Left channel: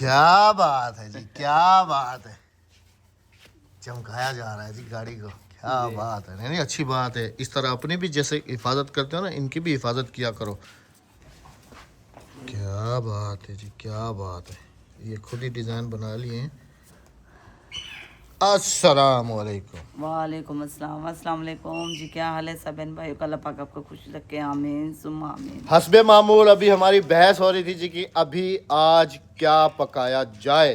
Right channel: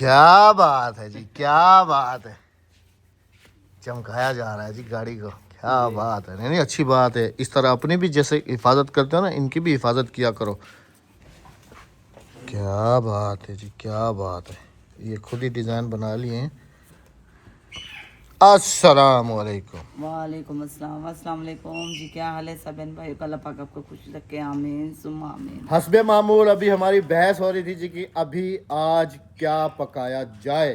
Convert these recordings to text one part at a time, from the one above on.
क्या बात है जी, क्या बात है। चमकाया जा रहा है जी गाड़ी को, क्या बात है। नहीं नहीं, अच्छी बात है। इस तरह अपनी भी जैसे हिफाजत करते हो ना, इनकी भी हिफाजत किया करो। क्या बात है जी, क्या बात है। ये खुद ही डिज़ाइन बना लिए हैं। अस्सलाम वालेकुम। वालेकुम अस्सलाम। अस्सलाम वालेकुम जी, क्या हाल है सब बहन भाई का? अल्लाह पाक आपको खुश रखे, आमीन सुम्मा आमीन। हस्बे मामूल अभी हमारी बहस हो रही थी जी कि अभी आज क्या पकाया जाए।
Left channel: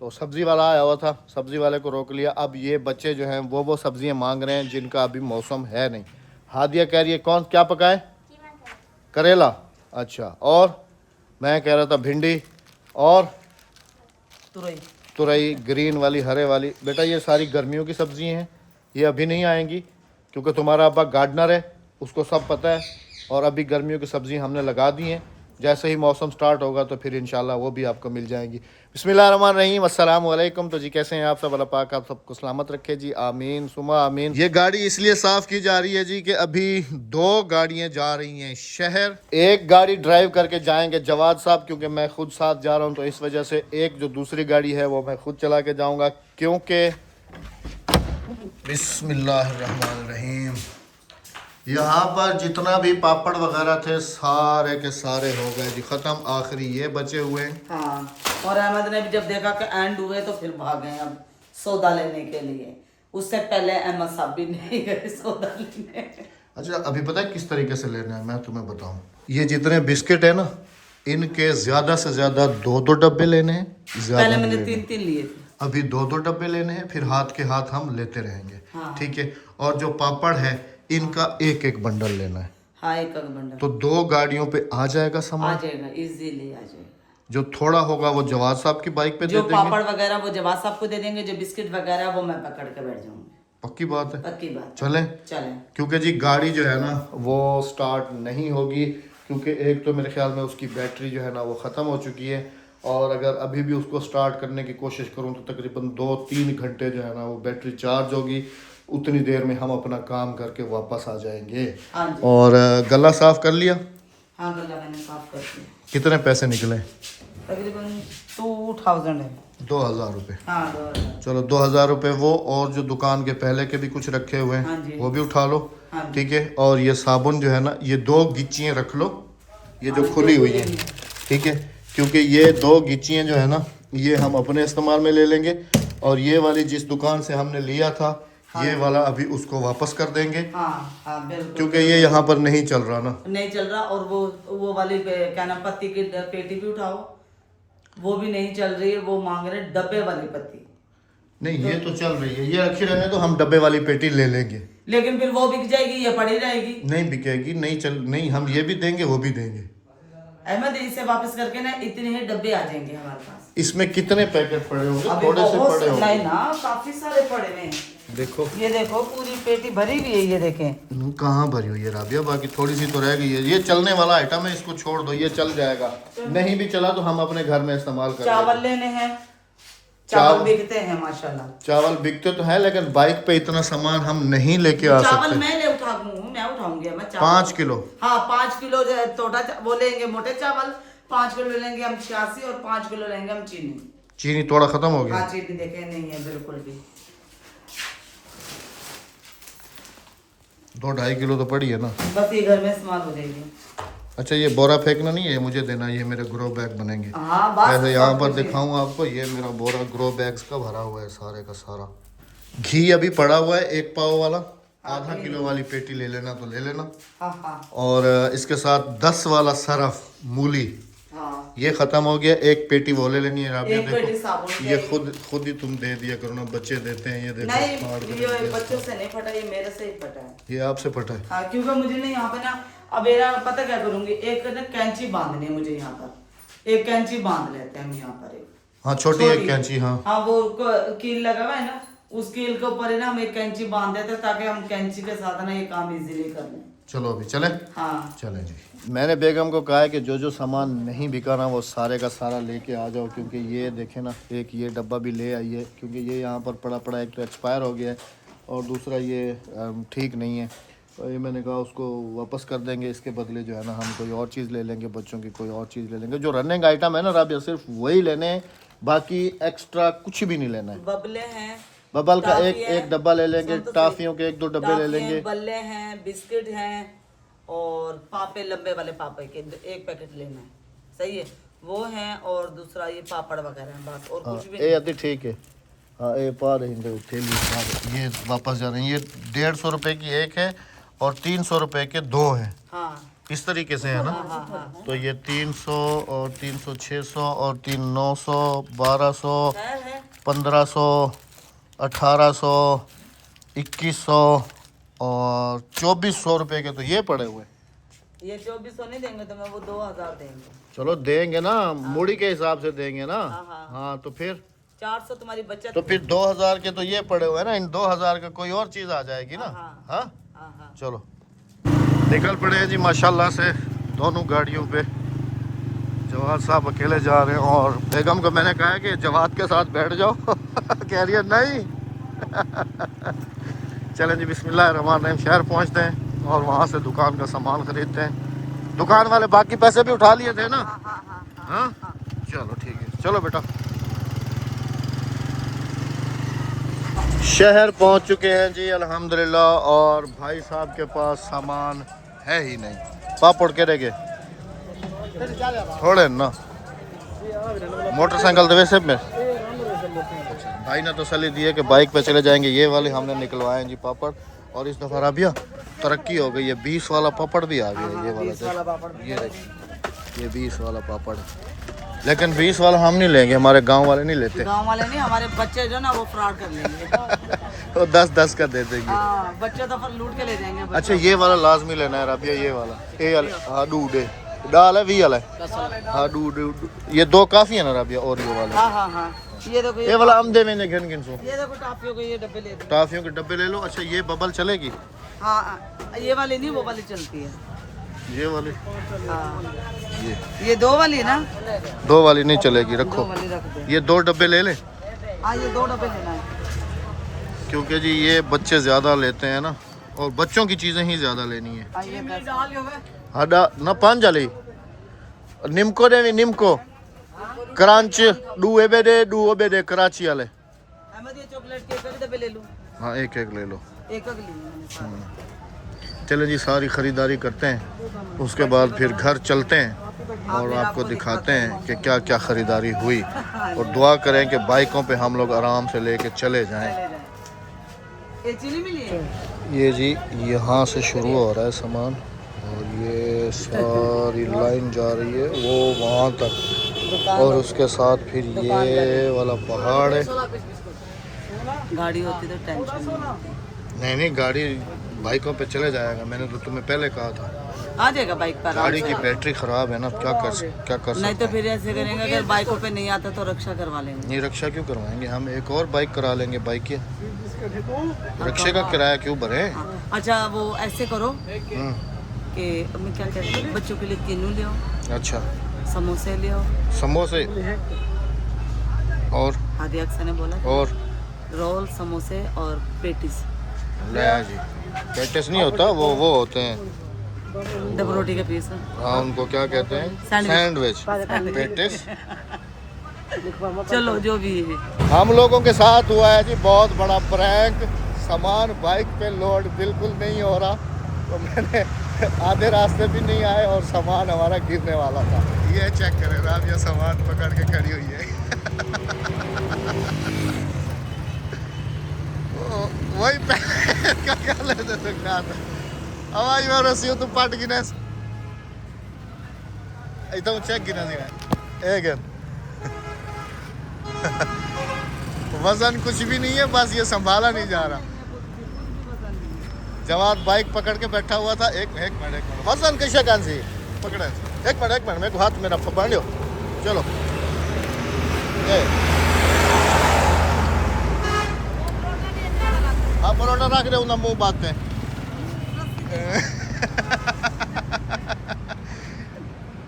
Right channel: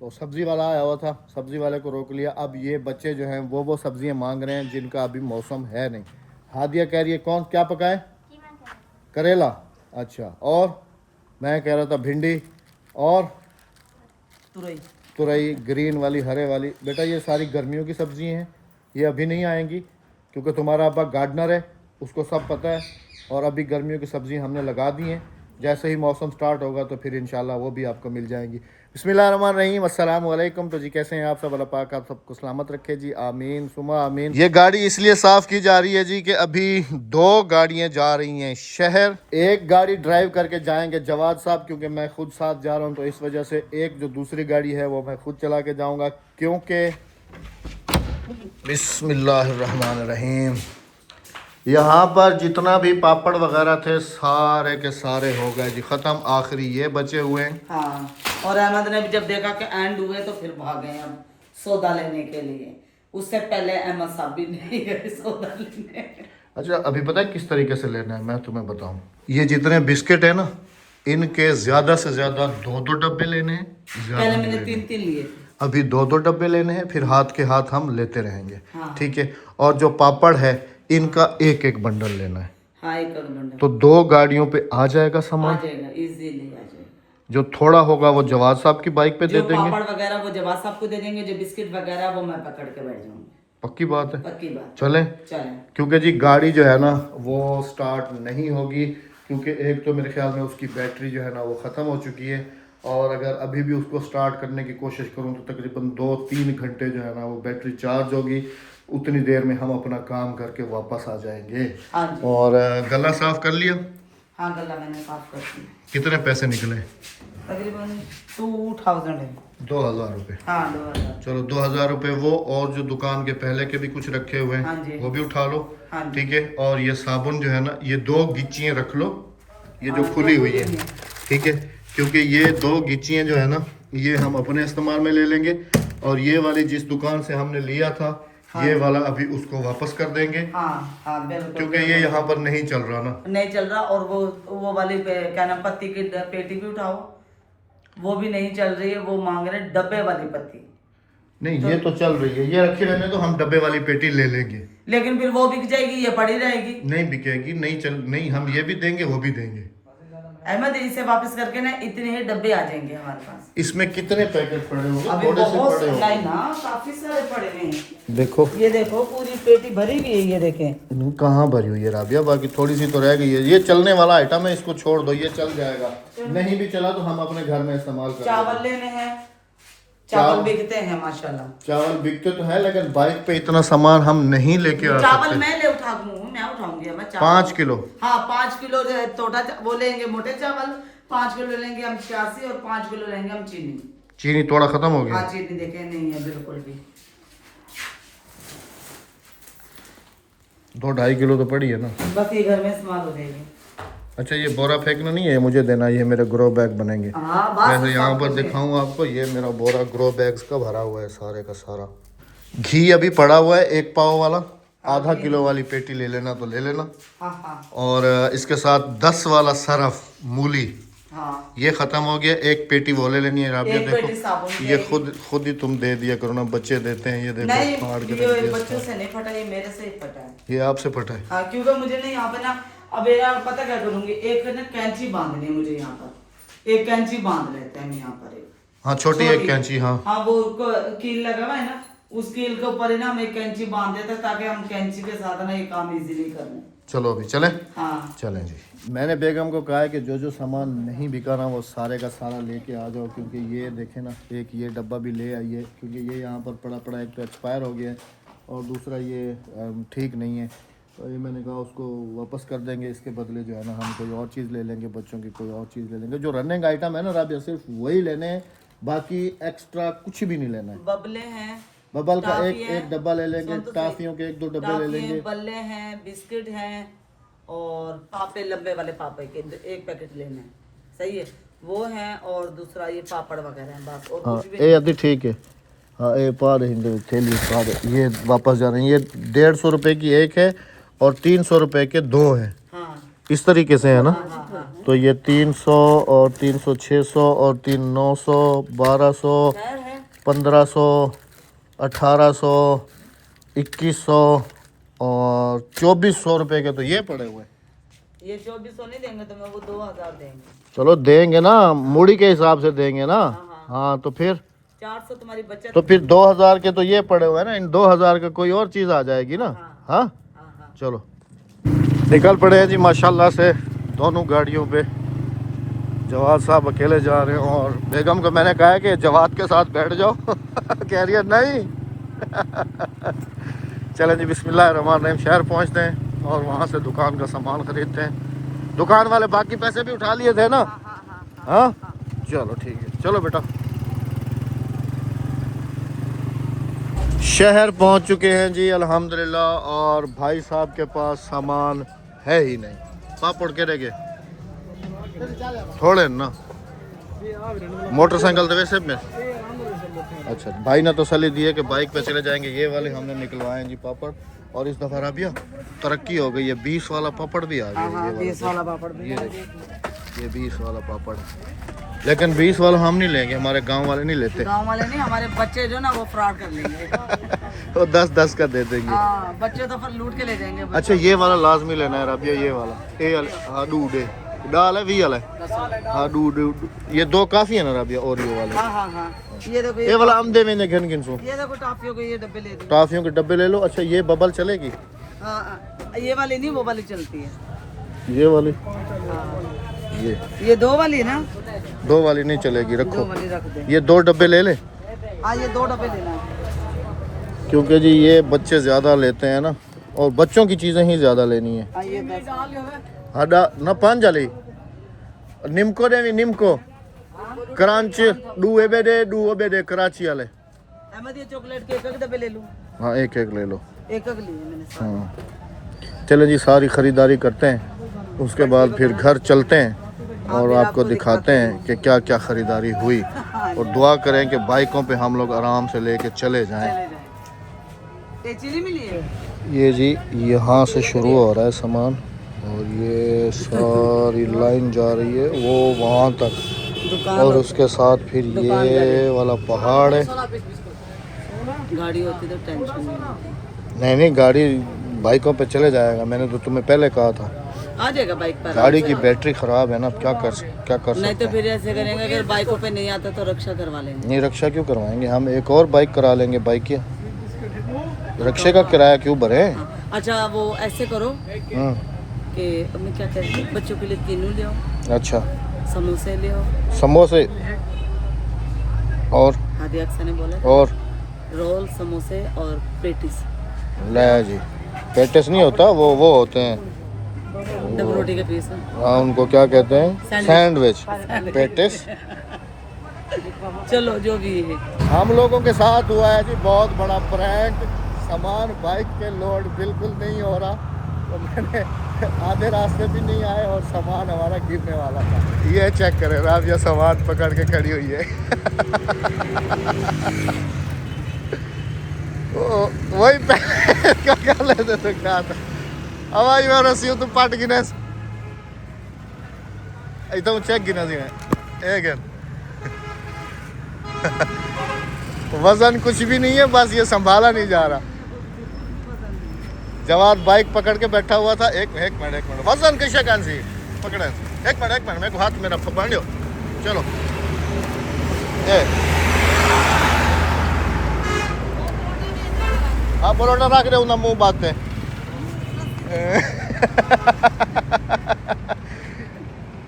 तो सब्ज़ी वाला आया हुआ था, सब्ज़ी वाले को रोक लिया। अब ये बच्चे जो हैं वो सब्ज़ियाँ मांग रहे हैं जिनका अभी मौसम है नहीं। हादिया कह रही है कौन क्या पकाए? करेला। अच्छा, और मैं कह रहा था भिंडी और तुरई। तुरई, ग्रीन वाली, हरे वाली। बेटा ये सारी गर्मियों की सब्ज़ी हैं, ये अभी नहीं आएंगी क्योंकि तुम्हारा अब्बा गार्डनर है, उसको सब पता है। और अभी गर्मियों की सब्ज़ी हमने लगा दी हैं, जैसे ही मौसम स्टार्ट होगा तो फिर इंशाल्लाह वो भी आपको मिल जाएंगी। बिस्मिल्लाहिर्रहमानिर्रहीम, अस्सलाम वालेकुम। तो जी कैसे हैं आप सब? अल्लाह पाक आप सबको सलामत रखे जी, आमीन सुमा आमीन। ये गाड़ी इसलिए साफ़ की जा रही है जी कि अभी 2 गाड़ियाँ जा रही हैं शहर। एक गाड़ी ड्राइव करके जाएंगे जवाद साहब, क्योंकि मैं खुद साथ जा रहा हूँ, तो इस वजह से एक जो दूसरी गाड़ी है वो मैं खुद चला के जाऊँगा। क्योंकि बिस्मिल्लाहिर्रहमानिर्रहीम, यहाँ पर जितना भी पापड़ वगैरह थे सारे के सारे हो गए जी ख़त्म। आखिरी ये बचे हुए हैं। हाँ, और अहमद ने भी जब देखा कि एंड हुए तो फिर भाग गए अब सौदा लेने के लिए। उससे पहले अहमद साहब भी नहीं गए सौदा लेने। अच्छा, अभी पता है किस तरीके से लेना है, मैं तुम्हें बताऊं। ये जितने बिस्किट है ना, इनके ज़्यादा से ज़्यादा 2-2 डब्बे लेने हैं, पहले ज़्यादा मैंने नहीं लेने। 3-3 लिए थे। अभी 2-2 डब्बे लेने हैं, फिर हाथ के हाथ हम लेते रहेंगे। हाँ ठीक है। और जो पापड़ है इनका एक एक बंडल लेना है। हाँ, एक बंडल तो 2 गाड़ियों पे आ जाएगा आ सामान। जाएगा, इजीली आ जाएगा। जो थोड़ा होगा वो जवाद साहब की बाइक पे दे जो देंगे। पापड़ वगैरह वो जवाब साहब को दे देंगे, जो बिस्किट वगैरह वो मैं पकड़ के बैठ जाऊंगी। पक्की बात है, पक्की बात। चलें। चलें। क्योंकि जी गाड़ी जो है ना वो स्टार्ट नहीं होगी, क्योंकि एक तो मेरे ख्याल में उसकी बैटरी जो है ना वो ख़त्म हो चुकी है। और अगर अभी भी उसको स्टार्ट करने की कोशिश करूँ तो तकरीबन 2-3 घंटे जो है ना वो बैटरी चार्ज होगी। उतनी देर में हम अपना काम करके वापस आ जाएंगे। हाँ जी। और गला साफ़ कर लिया? हाँ, गला मैंने साफ कर दिया। कितने पैसे निकले? तकरीबन 2000 है। 2000 रुपये। हाँ, 2000। चलो 2000 रुपये वो, और जो दुकान के पहले के भी कुछ रखे हुए हाँ हैं जी। वो भी उठा लो। हाँ जी। ठीक है। और ये साबुन जो है ना, ये 2 गिच्चियाँ रख लो, ये जो हाँ, खुली जो हुई खुली है। हुई है। ठीक है। क्योंकि ये 2 गिच्चियाँ जो है ना ये हम अपने इस्तेमाल में ले लेंगे, और ये वाली जिस दुकान से हमने लिया था ये वाला अभी उसको वापस कर देंगे। हाँ हाँ, बिल्कुल। क्योंकि ये यहाँ पर नहीं चल रहा ना। नहीं चल रहा। और वो वाली क्या नाम, पत्ती की पेटी भी उठाओ, वो भी नहीं चल रही है। वो मांग रहे डब्बे वाली पत्ती। नहीं ये तो चल रही है, ये रखी रहने तो हम डब्बे वाली पेटी ले लेंगे। लेकिन फिर वो बिक जाएगी, ये पड़ी रहेगी। नहीं बिकेगी, नहीं चल, नहीं, हम ये भी देंगे वो भी देंगे। अहमद, इसे वापस करके ना इतने ही डब्बे आ जाएंगे हमारे पास। इसमें कितने पैकेट पड़े होंगे? अभी थोड़े से बहुत पड़े नहीं होंगे ना, काफी सारे पड़े हुए हैं। देखो। ये देखो पूरी पेटी भरी हुई है, ये देखें। कहाँ भरी हुई है राबिया? बाकी थोड़ी सी तो रह गई है। ये चलने वाला आइटम है, इसको छोड़ दो, ये चल जाएगा। नहीं भी चला तो हम अपने घर में इस्तेमाल कर चावल लेंगे। लेने हैं, चावल बिकते हैं माशाल्लाह। चावल बिकते तो है, लेकिन बाइक पे इतना सामान हम नहीं लेके आ चावल सकते। मैं ले मैं उठाऊंगी मैं चावल। 5 किलो। हाँ, 5 किलो वो लेंगे मोटे चावल। 5 किलो लेंगे हम छियासी, और 5 किलो लेंगे हम चीनी। चीनी थोड़ा खत्म हो गया। हाँ, चीनी देखे नहीं है बिल्कुल भी। 2-2.5 किलो तो पड़ी है ना। बस ये घर में इस्तेमाल हो जाएगी। अच्छा, ये बोरा फेंकना नहीं है, मुझे देना, ये मेरे ग्रो बैग बनेंगे। हाँ, बस वैसे यहाँ सब पर कुछ है। दिखाऊं आपको, ये मेरा बोरा ग्रो बैग्स का भरा हुआ है सारे का सारा। घी अभी पड़ा हुआ है 1 पाव वाला। आधा किलो वाली पेटी ले लेना तो ले लेना। हाँ हाँ और इसके साथ 10 वाला सरफ मूली हाँ। ये ख़त्म हो गया। 1 पेटी वो ले लेनी है राबिया। एक पेटी देखो साबुन ये की। खुद ही तुम दे दिया करो ना, बच्चे देते हैं। ये देखो नहीं, फाड़ के ये रख दिया बच्चों इसका। से नहीं फटा, ये मेरे से ही फटा है। ये आपसे फटा है? हाँ, क्योंकि मुझे नहीं यहाँ पे ना, अब यार पता क्या करूंगी, एक ना कैंची बांधनी है मुझे यहाँ पर। एक कैंची बांध लेते हैं हम यहाँ पर। एक हाँ, छोटी एक कैंची। हाँ हाँ, वो कील लगा हुआ है ना, उस कील के ऊपर ही ना हम एक कैंची बांध देते हैं, ताकि हम कैंची के साथ ना ये काम इजीली कर लें। चलो अभी चलें। हाँ चलें जी। मैंने बेगम को कहा है कि जो जो सामान नहीं बिका ना वो सारे का सारा लेके आ जाओ, क्योंकि ये देखें ना, एक ये डब्बा भी ले आइए, क्योंकि ये यहाँ पर पड़ा पड़ा एक तो एक्सपायर हो गया है, और दूसरा ये ठीक नहीं है। और ये मैंने कहा उसको वापस कर देंगे, इसके बदले जो है ना हम कोई और चीज़ ले लेंगे, बच्चों की कोई और चीज़ ले लेंगे। जो रनिंग आइटम है ना राबिया, सिर्फ वही लेने हैं, बाकी एक्स्ट्रा कुछ भी नहीं लेना है। बबले हैं, बबल का टॉफी एक है, एक डब्बा ले लेंगे, सुन तो टॉफियों के 1-2 डब्बे ले टॉफी लेंगे। हैं, बल्ले हैं, बिस्किट हैं और पापे, लंबे वाले पापे के 1 पैकेट लेना है, सही है, वो हैं। और दूसरा ये पापड़ वगैरह हैं, बस और हाँ कुछ भी ये अभी ठीक है। हाँ ये पा रही थैली पा रही, ये वापस जा रही है। ये 150 रुपये की एक है और 300 रुपये के 2 हैं, हाँ इस तरीके से है ना। हाँ हाँ हाँ। तो ये 300 और 300 600 और 3 900 1200 है 1500 1800 2100 और 2400 रुपये के तो ये पड़े हुए। ये 2400 नहीं देंगे तो मैं वो 2000 देंगे। चलो देंगे ना, मूड़ी के हिसाब से देंगे ना। हाँ। हाँ तो फिर 400 तुम्हारी बचत। तो फिर 2000 के तो ये पड़े हुए हैं ना, इन 2000 का कोई और चीज़ आ जाएगी ना। हाँ। हाँ हाँ हाँ। चलो निकल पड़े हैं जी माशाल्लाह से दोनों गाड़ियों पे। जवाद साहब अकेले जा रहे हैं और बेगम को मैंने कहा है कि जवाद के साथ बैठ जाओ कह रही है नहीं चलें जी बिस्मिल्लाहिर्रहमानिर्रहीम, शहर पहुंचते हैं और वहां से दुकान का सामान खरीदते हैं। दुकान वाले बाकी पैसे भी उठा लिए थे ना। हाँ चलो ठीक है, चलो बेटा। शहर पहुंच चुके हैं जी अल्हम्दुलिल्लाह और भाई साहब के पास सामान है ही नहीं। पापड़ के रह गए थोड़े ना, मोटरसाइकिल तो वैसे में। अच्छा भाई ने तो सली दिए कि बाइक पे चले जाएंगे, ये वाले हमने निकलवाए हैं जी पापड़। और इस दफ़ा राबिया तरक्की हो गई है, 20 वाला पापड़ भी आ गया है। ये वाला ये देखिए, ये 20 वाला पापड़ है। लेकिन 20 वाला हम नहीं लेंगे, हमारे गांव वाले नहीं लेते। गांव वाले नहीं, हमारे बच्चे जो ना वो फ्रॉड कर लेंगे वो 10-10 का दे देंगे। हाँ, बच्चे तो फिर लूट के ले जाएंगे। अच्छा ये वाला लाजमी लेना है राबिया, ये वाला ए वाले। हाँ डूडे डाल है 20 वाला है। हाँ डूड ये 2 काफ़ी है ना राबिया, ओरियो वाले। हाँ हाँ हाँ। ये देखो ये वाला हम दे मैंने घन घिन सो। ये देखो टॉफियों के ये डब्बे ले दो। टॉफियों के डब्बे ले लो। अच्छा ये बबल चलेगी? हाँ ये वाली नहीं, वो वाली चलती है। ये वाली ये 2 वाली है ना। 2 वाली नहीं चलेगी, 2 रखो। वाली रख दे। ये 2 डब्बे ले ले, हाँ ये 2 डब्बे लेना है। क्योंकि जी ये बच्चे ज़्यादा लेते हैं ना और बच्चों की चीज़ें ही ज़्यादा लेनी है। हाँ ये 10। हाडा ना 5 जाली निमको दे निमको क्रंच डू दे कराची वाले। अहमद ये चॉकलेट के 1 डब्बे ले लूँ। हाँ एक ले लो। 1 लिए मैंने सारे। हाँ चलें जी सारी ख़रीदारी करते हैं, उसके बाद फिर घर चलते हैं और आपको दिखाते हैं कि क्या क्या ख़रीदारी हुई। और दुआ करें कि बाइकों पे हम लोग आराम से लेके चले जाएं। ये चीनी मिली है। ये जी यहाँ से शुरू हो रहा है सामान और ये सारी लाइन जा रही है वो वहाँ तक, और उसके साथ फिर ये वाला पहाड़ है। गाड़ी होती तो टेंशन नहीं। नहीं गाड़ी बाइकों पे चले जाएगा, मैंने तो तुम्हें पहले कहा था। आ जाएगा बाइक पर। गाड़ी की बैटरी ख़राब है ना, क्या कर नहीं तो सकते फिर ऐसे करेंगे, अगर बाइकों पे नहीं आता तो रक्षा करवा लेंगे। नहीं रक्षा क्यों करवाएंगे, हम एक और बाइक करा लेंगे। बाइक की रक्षे का किराया क्यों भरे। अच्छा वो ऐसे करो कि मैं क्या कहती हूँ, बच्चों के लिए किन्नू ले आओ, अच्छा समोसे ले आओ, समोसे और हादी अक्सर ने बोला और रोल, समोसे और पेटिस। ले जी पेटिस नहीं होता, वो होते हैं डबल रोटी के पीस। हाँ उनको क्या कहते हैं, सैंडविच। पेटिस चलो जो भी है। हम लोगों के साथ हुआ है जी बहुत बड़ा प्रैंक। सामान बाइक पे लोड बिल्कुल नहीं हो रहा, तो मैंने आधे रास्ते भी नहीं आए और सामान हमारा गिरने वाला था। ये चेक करें राबिया सामान पकड़ के खड़ी हुई है वही क्या लेते तो क्या था हमारी में रस्सी तुम पट गिने एकदम चेक गिना दी एक वजन कुछ भी नहीं है, बस ये संभाला नहीं जा रहा। जवाद बाइक पकड़ के बैठा हुआ था। एक मिनट वजन कैसे कान सी पकड़े, एक मिनट मेरे को हाथ मेरा बांधियो। चलो हाँ परोटा रख रहे ना मुंह बात पे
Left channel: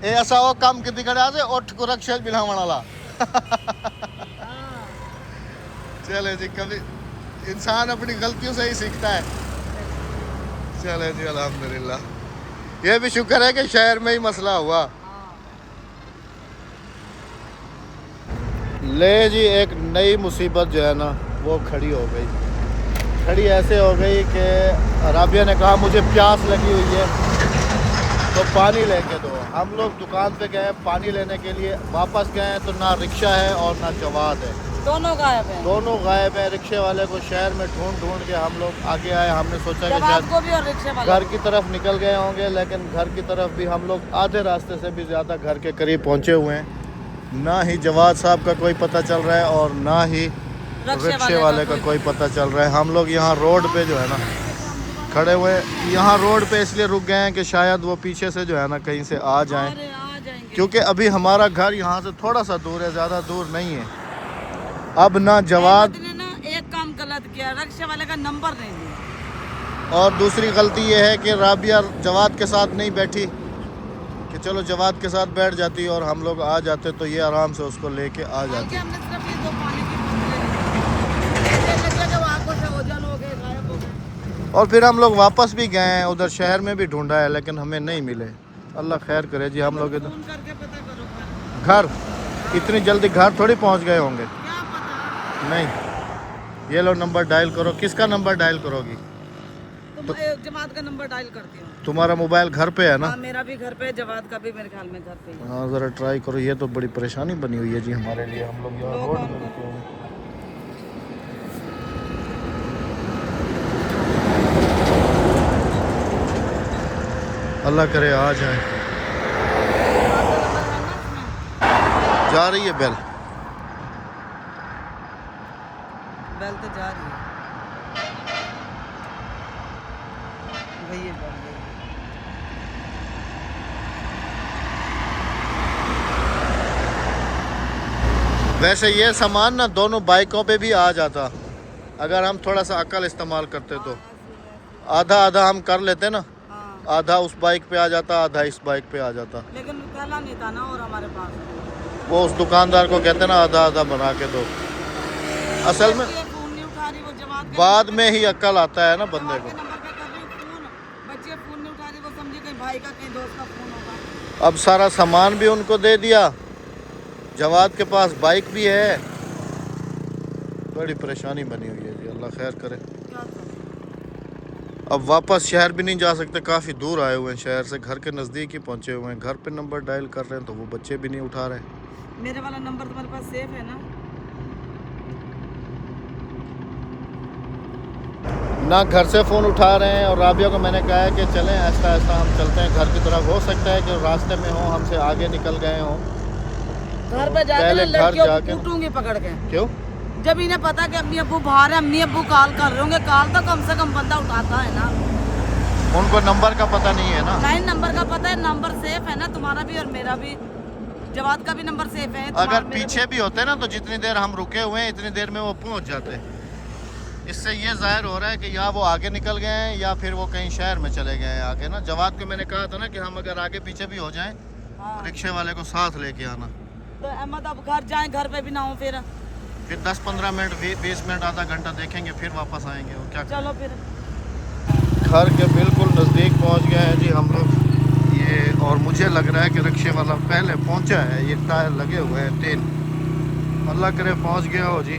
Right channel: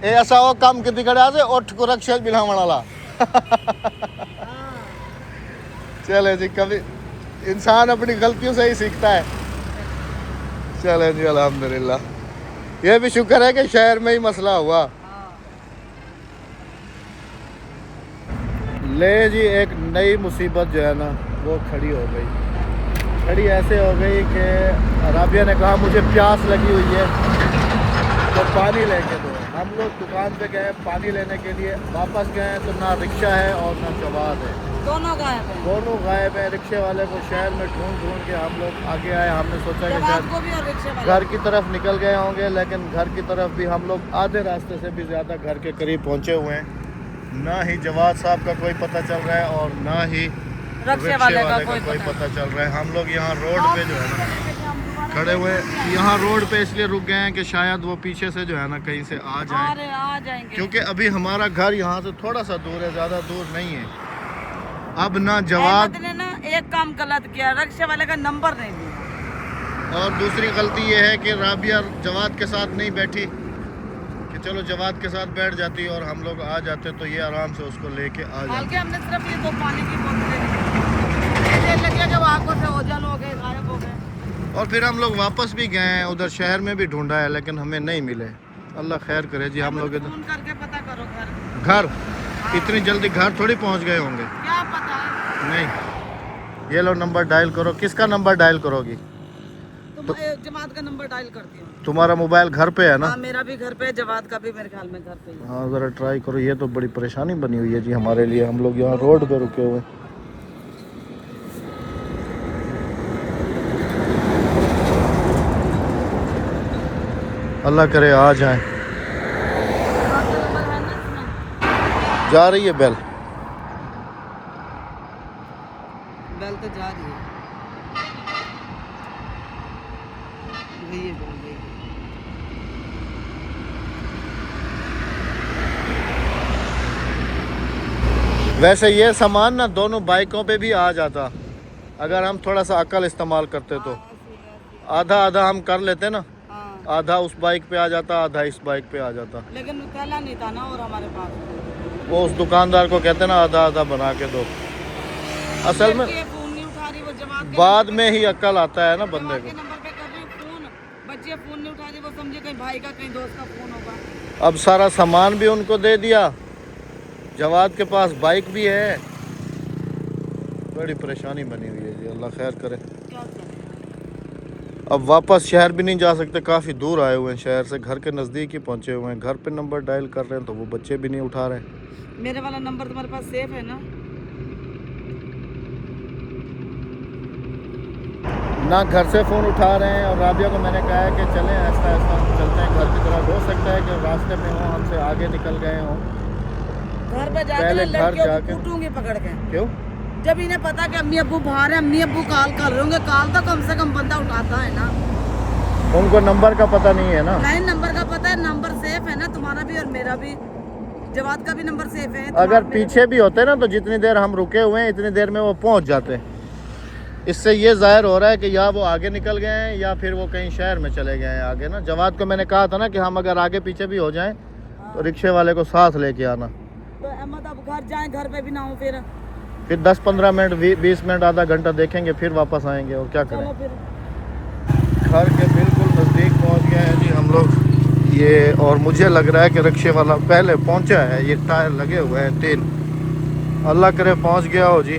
ए ऐसा वो काम कितनी कड़ा से उठ को रक्षा बिलावण वाला चले जी, कभी इंसान अपनी गलतियों से ही सीखता है। चले जी अल्हम्दुलिल्लाह। ये भी शुक्र है कि शहर में ही मसला हुआ। ले जी एक नई मुसीबत जो है ना वो खड़ी हो गई। खड़ी ऐसे हो गई कि राबिया ने कहा मुझे प्यास लगी हुई है तो पानी लेके दो। हम लोग दुकान पे गए पानी लेने के लिए, वापस गए तो ना रिक्शा है और ना जवाद है, दोनों गायब हैं। दोनों गायब है। रिक्शे वाले को शहर में ढूंढ ढूंढ के हम लोग आगे आए। हमने सोचा कि जवाब को शायद भी और रिक्शे वाले घर की तरफ निकल गए होंगे, लेकिन घर की तरफ भी हम लोग आधे रास्ते से भी ज़्यादा घर के करीब पहुँचे हुए हैं। ना ही जवाद साहब का कोई पता चल रहा है और ना ही रिक्शे वाले का कोई पता चल रहा है। हम लोग यहाँ रोड पे जो है ना खड़े हुए, यहाँ रोड पे इसलिए रुक गए हैं कि शायद वो पीछे से जो है ना कहीं से आ जाएं, क्योंकि अभी हमारा घर यहाँ से थोड़ा सा दूर है, ज़्यादा दूर नहीं है। अब ना जवाब ने ना एक काम गलत किया, रिक्शे वाले का नंबर नहीं दिया। और दूसरी गलती ये है कि राबिया जवाद के साथ नहीं बैठी कि चलो जवाद के साथ बैठ जाती और हम लोग आ जाते तो ये आराम से उसको लेके आ जाते। हमने सिर्फ ये 2 पानी की बोतलें लगे कि वो आंखों से ओझल हो गए, गायब हो गए। और फिर हम लोग वापस भी गए हैं, उधर शहर में भी ढूंढा है लेकिन हमें नहीं मिले। अल्लाह खैर करे जी। हम लोग फोन करके पता करो घर। इतनी जल्दी घर थोड़ी पहुंच गए होंगे। क्या पता नहीं, ये लो नंबर डायल करो। किसका नंबर डायल करोगी? तुम जमात का नंबर डायल करती हो। तुम्हारा मोबाइल घर पे है ना? हाँ, मेरा भी घर पे है, जवाद का भी मेरे ख्याल में घर पे ही है। हाँ ज़रा ट्राई करो। ये तो बड़ी परेशानी बनी हुई है जी हमारे लिए। हम लोग यहाँ रोड पे रुके हुए। अल्लाह करे आ जाए। जवाद का नंबर है ना इसमें? जा रही है बेल। बेल तो जा रही है। गई है बेल, गई है। वैसे ये सामान ना दोनों बाइकों पे भी आ जाता अगर हम थोड़ा सा अकल इस्तेमाल करते तो। आधा आधा हम कर लेते ना, आधा उस बाइक पे आ जाता, आधा इस बाइक पे आ जाता। लेकिन थैला नहीं था ना और हमारे पास। वो उस दुकानदार को कहते ना आधा आधा बना के दो। असल में ये फोन नहीं उठा रही, वो जवाद के बाद में ही अकल आता है ना बंदे जवाद को। के नंबर पे कर रही हूँ फोन, बच्चे फोन नहीं उठा रही, वो समझे कहीं भाई का कहीं दोस्त का फोन होगा। अब सारा सामान भी उनको दे दिया, जवाद के पास बाइक भी है। बड़ी परेशानी बनी हुई है जी। अल्लाह खैर करे। क्या करें? अब वापस शहर भी नहीं जा सकते, काफ़ी दूर आए हुए हैं शहर से, घर के नज़दीक ही पहुंचे हुए हैं। घर पे नंबर डायल कर रहे हैं तो वो बच्चे भी नहीं उठा रहे। मेरे वाला नंबर तुम्हारे पास सेफ है ना? ना घर से फ़ोन उठा रहे हैं। और राबिया को मैंने कहा है कि चलें आहिस्ता आहिस्ता हम चलते हैं घर की तरफ। हो सकता है कि रास्ते में हो, हमसे आगे निकल गए हों। घर पे जाके पहले घर लड़कियों को जाके कूटूंगी पकड़ के। क्यों? जब इन्हें पता है कि अम्मी अब्बू बाहर है, अम्मी अब्बू कॉल कर रहे होंगे, कॉल तो कम से कम बंदा उठाता है ना। उनको नंबर का पता नहीं है ना। नहीं, नंबर का पता है, नंबर सेफ है ना, तुम्हारा भी और मेरा भी, जवाद का भी नंबर सेफ है। अगर पीछे भी होते ना तो जितनी देर हम रुके हुए हैं इतनी देर में वो पहुंच जाते। इससे ये जाहिर हो रहा है कि या वो आगे निकल गए हैं या फिर वो कहीं शहर में चले गए हैं आगे ना। जवाद को मैंने कहा था ना कि हम अगर आगे पीछे भी हो जाएं तो रिक्शे वाले को साथ लेके आना। तो अहमद अब घर जाएं, घर पे भी ना हो फिर 10-15 मिनट 20 मिनट आधा घंटा देखेंगे फिर वापस आएंगे और क्या करें। चलो फिर। घर के बिल्कुल नज़दीक पहुंच गए हैं जी हम लोग। ये और मुझे लग रहा है कि रिक्शे वाला पहले पहुंचा है। ये टायर लगे हुए हैं 3। अल्लाह करे पहुंच गया हो जी।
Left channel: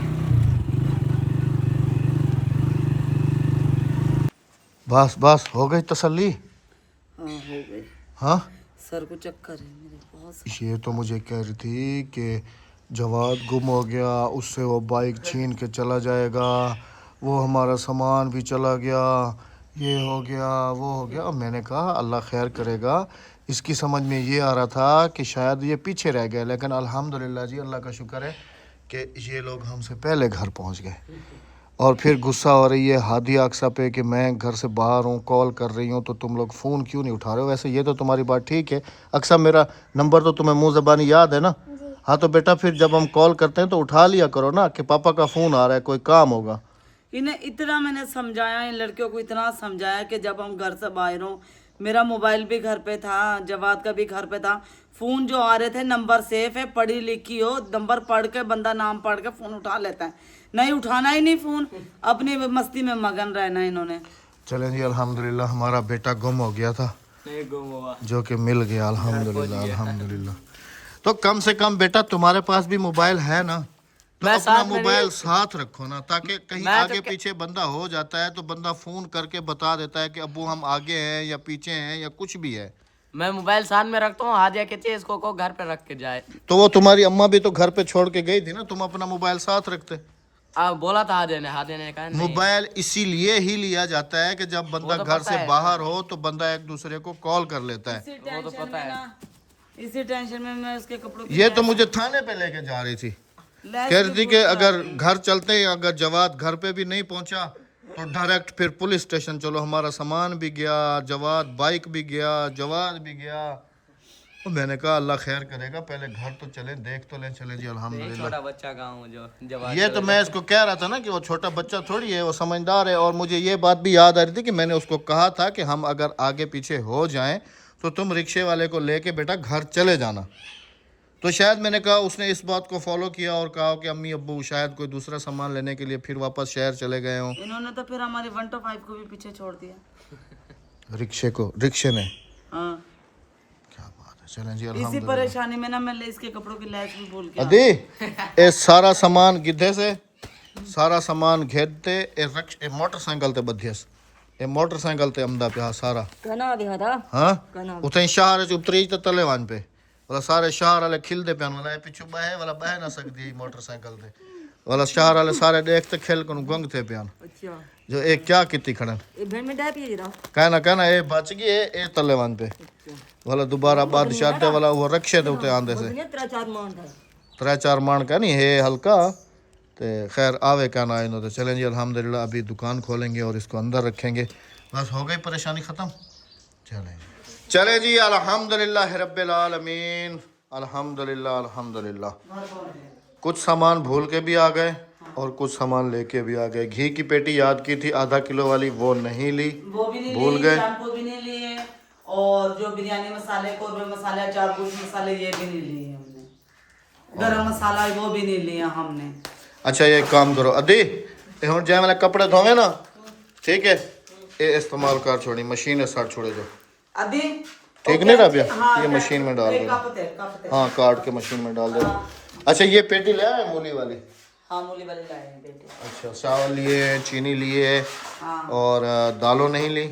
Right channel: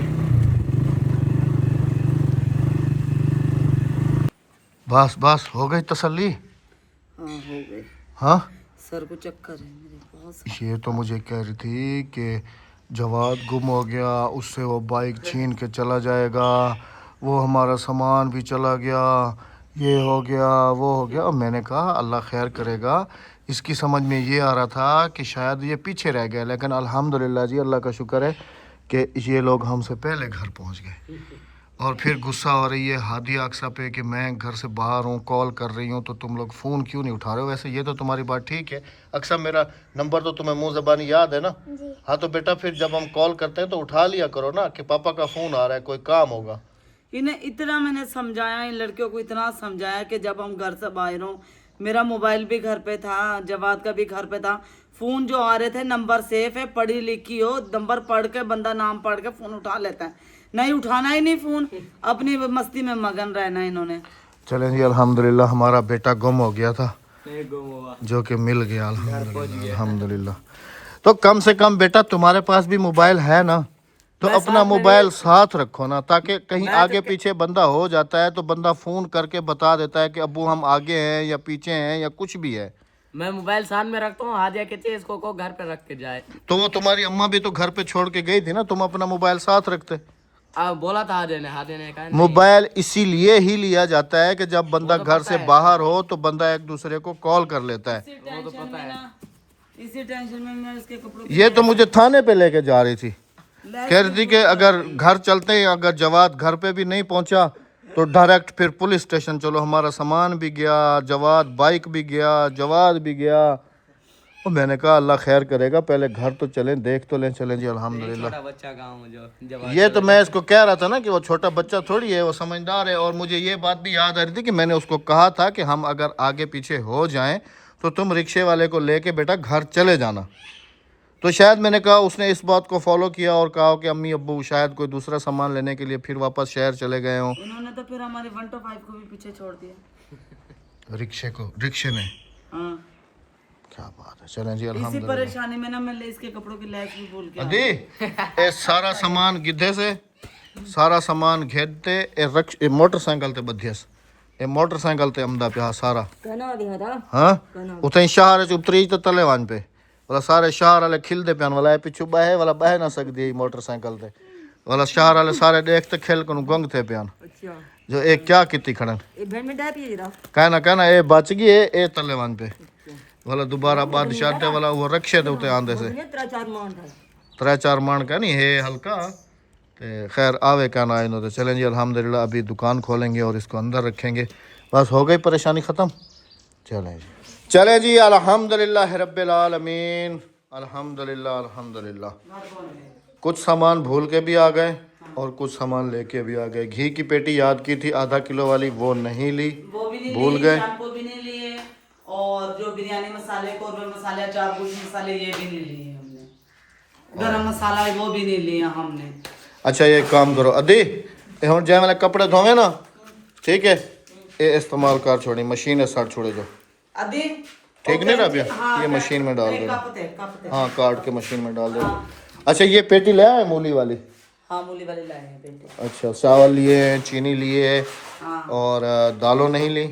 बस बस हो गई तसल्ली। हाँ, हो गई। हाँ, सर को चक्कर है मेरे बहुत। ये तो मुझे कह रही थी कि जवाद गुम हो गया, उससे वो बाइक छीन के चला जाएगा, वो हमारा सामान भी चला गया, ये हो गया वो हो गया। और मैंने कहा अल्लाह खैर करेगा। इसकी समझ में ये आ रहा था कि शायद ये पीछे रह गए, लेकिन अल्हम्दुलिल्लाह जी अल्लाह का शुक्र है कि ये लोग हमसे पहले घर पहुंच गए। और फिर गुस्सा हो रही है हादी अक्सा पे कि मैं घर से बाहर हूँ, कॉल कर रही हूँ तो तुम लोग फ़ोन क्यों नहीं उठा रहे हो। वैसे ये तो तुम्हारी बात ठीक है। अक्सा मेरा नंबर तो तुम्हें मुँह ज़बानी याद है ना? हाँ तो बेटा फिर जब हम कॉल करते हैं तो उठा लिया करो ना कि पापा का फ़ोन आ रहा है, कोई काम होगा। इन्हें इतना मैंने समझाया, इन लड़कियों को इतना समझाया कि जब हम घर से बाहर हों, मेरा मोबाइल भी घर पे था, जवाद का भी घर पे था, फोन जो आ रहे थे नंबर सेफ है, पढ़ी लिखी हो, नंबर पढ़ के बंदा नाम पढ़ के फोन उठा लेता है। नहीं उठाना ही नहीं फोन, अपनी मस्ती में मगन रहना इन्होंने। चलें जी, अल्हम्दुलिल्लाह हमारा बेटा गुम हो गया था, नहीं गुम हुआ, जो कि मिल गया अल्हम्दुलिल्लाह अल्हम्दुलिल्लाह। तो कम से कम बेटा तुम्हारे पास भी मोबाइल है ना, तो मैं अपना साथ में मोबाइल साथ रखो ना, ताकि कहीं मैं तो आगे पीछे बंदा हो जाता है तो बंदा फोन करके बता देता है कि अब्बू हम आगे हैं या पीछे हैं या कुछ भी है। मैं मोबाइल साथ में रखता हूँ। हादिया कहती है इसको को घर पे रख के जाए। तो वो तुम्हारी अम्मा भी तो घर पे छोड़ के गई थी ना, तुम अपना मोबाइल साथ रखते। बोला था हादिया ने कहा नहीं। मोबाइल इसीलिए ही लिया जाता है कि जब बंदा तो घर पता से है। बाहर हो तो बंदा एक दूसरे को कॉल कर लेता है। वो तो पता है। इसी टेंशन में मैं उसके कपड़ों ये तो मुझे थाने पे लेके जा रही थी, कह रही थी कि अगर घर चलते हैं, अगर जवाद घर पे भी नहीं पहुंचा तो डायरेक्ट फिर पुलिस स्टेशन चलो, हमारा सामान भी गया, जवाद बाइक भी गया, जवाद भी गया। और मैंने कहा अल्लाह खैर करेगा, पहले घर तो चलें, देख तो लें। चलें जी अल्हम्दुलिल्लाह। छोटा बच्चा गाँव जो जब ये तो मैं इसको कह रहा था ना कि वो छोटा बच्चा थोड़ी है, वो समझदार है। और मुझे ये बात भी याद आ रही थी कि मैंने उसको कहा था कि हम अगर आगे पीछे हो जाएं तो तुम रिक्शे वाले को लेके बेटा घर चले जाना। तो शायद मैंने कहा उसने इस बात को फॉलो किया और कहा कि अम्मी अब्बू शायद कोई दूसरा सामान लेने के लिए फिर वापस शहर चले गए हों। इन्होंने तो फिर हमारे 1 to 5 को भी पीछे छोड़ दिया। रिक्शे ने हाँ, क्या बात है। चलें जी इसी अल्हम्दुलिल्लाह। परेशानी में ना मैं इसके कपड़ों की लैस भी भूल गया। अदी ये सारा सामान गिद्धे से सारा सामान घेदते ए मोटरसाइकिल ते बधियस, ए मोटरसाइकिल ते अमदा पिया सारा कहना दिया था। हाँ उते शहर च उतरी तो तले वन पे वाला सारे शहर वाले खिलदे पियान वाला है पिछू बहे वाला बह ना सकदी मोटरसाइकिल ते वाला शहर वाले सारे देखते खेल को गंग थे पियान। अच्छा जो एक क्या किती खड़न ये भेड़ में डाय पिए जरा। कहना ए बच गई ए तले वन पे वाला दोबारा बादशाह दे वाला वो रक्षे दे उते आंदे से 3-4 मान का नहीं है हल्का। तो खैर आवे क्या ना इन्होंने। चलें जी अल्हम्दुलिल्लाह अभी दुकान खोलेंगे और इसको अंदर रखेंगे। बस हो गई परेशानी ख़त्म। चलें जी अल्हम्दुलिल्लाह रब्बिल आलमीन अल्हम्दुलिल्लाह अल्हम्दुलिल्लाह। कुछ सामान भूल के भी आ गए और कुछ सामान लेके भी आ गए। घी की पेटी याद की थी आधा किलो वाली, वो नहीं ली, वो भी नहीं भूल लिए, गए। शैम्पू भी नहीं लिए, और जो बिरयानी मसाले, कौरमे मसाले, अचार कुछ मसाले ये भी नहीं लिए हमने। गरम मसाला है वो भी नहीं लिया हमने। अच्छा ये काम करो अदी हम जै मैंने कपड़े धोवे ना, ठीक है, ये इस्तेमाल कर छोड़ी मशीन है सड़ छोड़े जो अदी ठीक नहीं रहा भैया। हाँ, ये मशीन में डाल दो। कप थे। हाँ काट के मशीन में डाल दो। अच्छा ये पेटी ले आए मूली वाली। हाँ मूली वाली लाए हैं बेटे। अच्छा चावल लिए, चीनी लिए हाँ और दालों नहीं ली,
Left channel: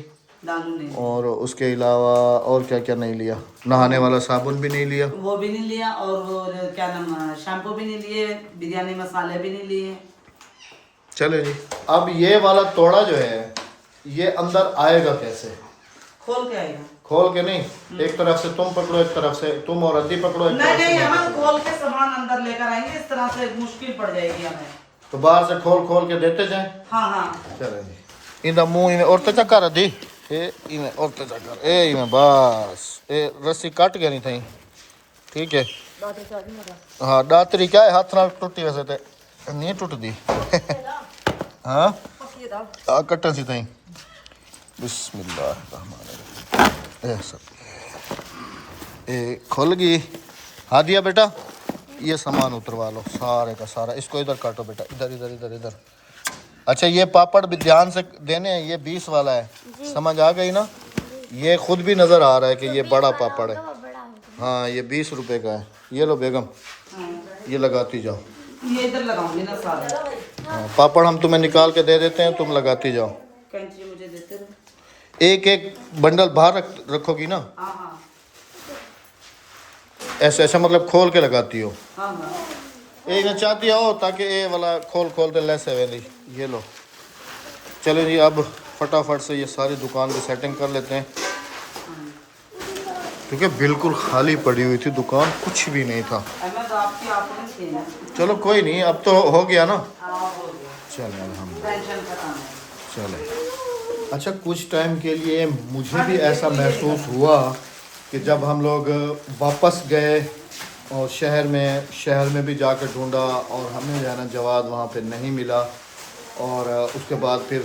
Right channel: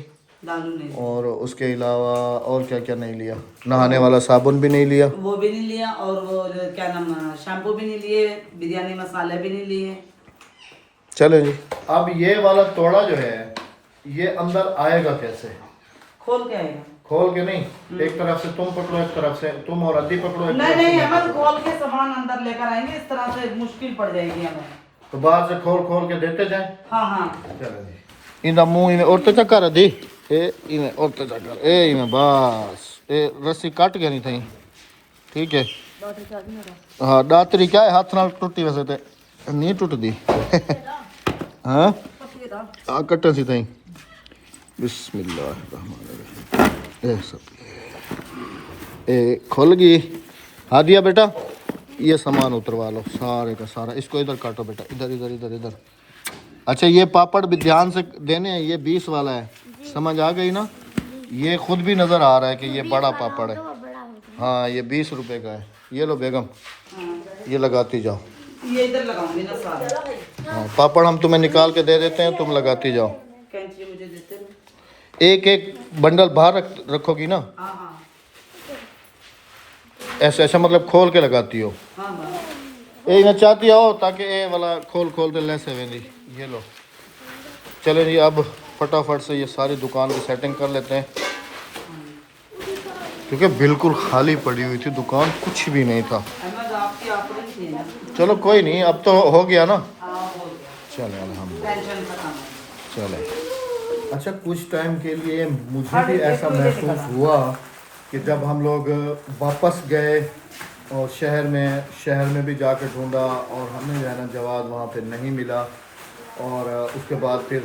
दालू नहीं, और उसके अलावा और क्या क्या नहीं लिया, नहाने वाला साबुन भी नहीं लिया, वो भी नहीं लिया, और क्या नाम शैम्पू भी नहीं लिए, बिरयानी मसाले भी नहीं लिए। चलो जी। अब ये वाला तोड़ा जो है ये अंदर आएगा कैसे? खोल के आएगा। खोल के नहीं, एक तरफ से तुम पकड़ो, एक तरफ से तुम और अद्दी पकड़ो, एक नहीं तरफ से नहीं मैं हम पकड़ूं। खोल के सामान अंदर लेकर आएंगे, इस तरह से मुश्किल पड़ जाएगी हमें। तो बाहर से खोल खोल के देते जाएं। हाँ हाँ चलो जी। इंदा मुंह इन्हें औरते चक्कर अद्दी ए इन्हें औरते चक्कर ए इन्हें बस ए रस्सी काट गया नहीं थी, ठीक है। हाँ दातरी क्या है हाथ नाल टुटी वैसे तो नहीं टुटदी। हाँ आ कट्टे सी थी। बिस्मिल्लाह ए सब ए खुल गई। हादिया बेटा ये सामान उतरवा लो सारे का सारा, इसको इधर काटो बेटा, इधर इधर इधर इधर। अच्छा ये पापड़ भी ध्यान से देने हैं, ये 20 वाला है, समझ आ गई ना? ये खुद भी नज़र आ रहा है कि ये बड़ा पापड़ है। हाँ ये 20 रुपए का है। ये लो बेगम ये लगाती जाओ। ये इधर लगाऊंगी ना सारे। हाँ पापड़ हम तुम्हें निकाल के दे देते हैं, तुम लगाती जाओ। कैंची मुझे देते रहो। एक एक बंडल बाहर रखोगी ना, हाँ हाँ ऐसे ऐसा मतलब खोल के लगाती हो। हाँ हाँ ये ना चाहती हो ताकि ये वाला खोल खोल के लेस है वेंदी। ये लो। चलो जी अब फटाफट से ये सारी दुकान की सेटिंग कर लेते हैं, क्योंकि बिल्कुल खाली पड़ी हुई थी दुकान, कुछ भी नहीं था। अहमद आपकी आखिरी थी ना। चलो कोई नहीं, अब तो हो गया ना। हाँ हो गया, चले अल्हम्दुलिल्लाह टेंशन खत्म है। चले। अच्छा कुछ टाइम के लिए मुझे भी ऐसा महसूस हुआ कि जब हम लोग वापस गए और शहर में भी जाकर ढूंढा और हमें जो है ना जवाद वहाँ पे नहीं मिला, और उसके बाद फिर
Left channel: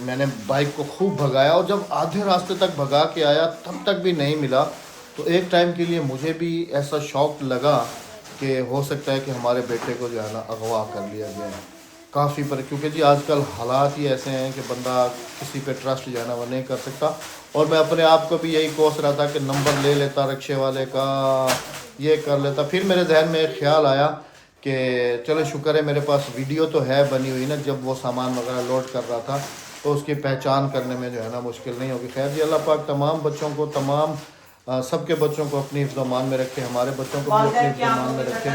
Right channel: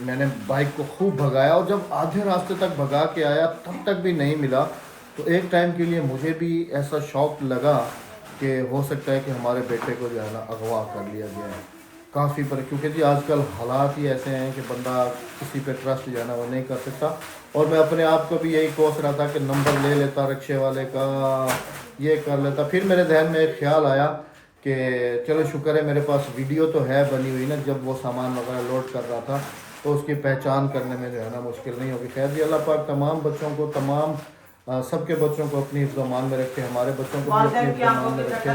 मैंने बाइक को खूब भगाया, और जब आधे रास्ते तक भगा के आया तब तक भी नहीं मिला। तो एक टाइम के लिए मुझे भी ऐसा शौक लगा कि हो सकता है कि हमारे बेटे को जो है ना अगवा कर लिया गया है। काफ़ी पर, क्योंकि जी आजकल हालात ही ऐसे हैं कि बंदा किसी पे ट्रस्ट जो है ना वो नहीं कर सकता। और मैं अपने आप को भी यही कोस रहा था कि नंबर ले लेता रिक्शे वाले का, ये कर लेता। फिर मेरे जहन में एक ख्याल आया कि चलो शुक्र है मेरे पास वीडियो तो है बनी हुई ना, जब वो सामान वगैरह लोड कर रहा था, तो उसकी पहचान करने में जो है ना मुश्किल नहीं होगी। खैर जी अल्लाह पाक तमाम बच्चों को, तमाम सबके बच्चों को अपनी हिफ्ज़-ओ-मान में रखे, हमारे बच्चों को भी अपनी हिफ्ज़-ओ-मान में रखे।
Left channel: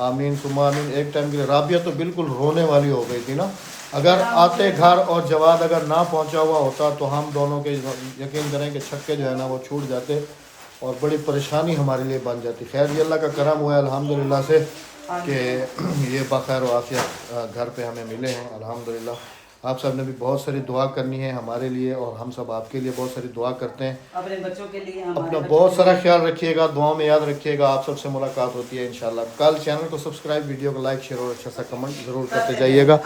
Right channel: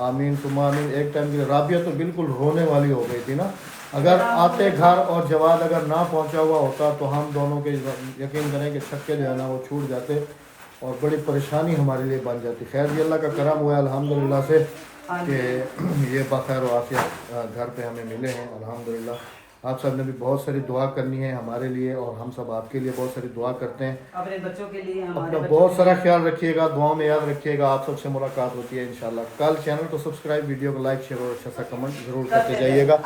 आमीन सुम्मा आमीन। एक टाइम के लिए राबिया तो बिल्कुल रोने वाली हो गई थी ना, अगर आते घर और जवाद अगर ना पहुंचा हुआ होता तो हम दोनों के यकीन करें कि छक्के जो है ना वो छूट जाते और बड़ी परेशानी हमारे लिए बन जाती। खैर ये अल्लाह का करम हुआ है अल्हम्दुलिल्लाह से कि ये बखैर व आफियत घर पे हमें मिले हैं अल्हम्दुलिल्लाह। आप सब ने भी बहुत सारी दुआ करनी है हमारे लिए, और हम सब आपके लिए बहुत सारी दुआ करते हैं। अपने बच्चों के लिए, अपना बहुत सारा ख्याल रखिएगा, दुआओं में याद रखिएगा। आप सबसे मुलाकात होती है इंशाल्लाह कल। चैनल को सब्सक्राइब, वीडियो को लाइक, शेयर और अच्छा सा कमेंट ज़रूर करते जाइएगा,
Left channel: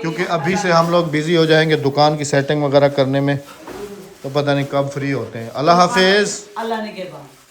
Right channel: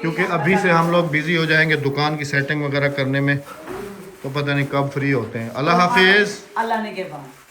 क्योंकि अभी से हम लोग बिज़ी हो जाएंगे दुकान की सेटिंग वगैरह करने में, तो पता नहीं कब फ्री होते हैं। अल्लाह हाफिज़। अल्लाह ने के बाद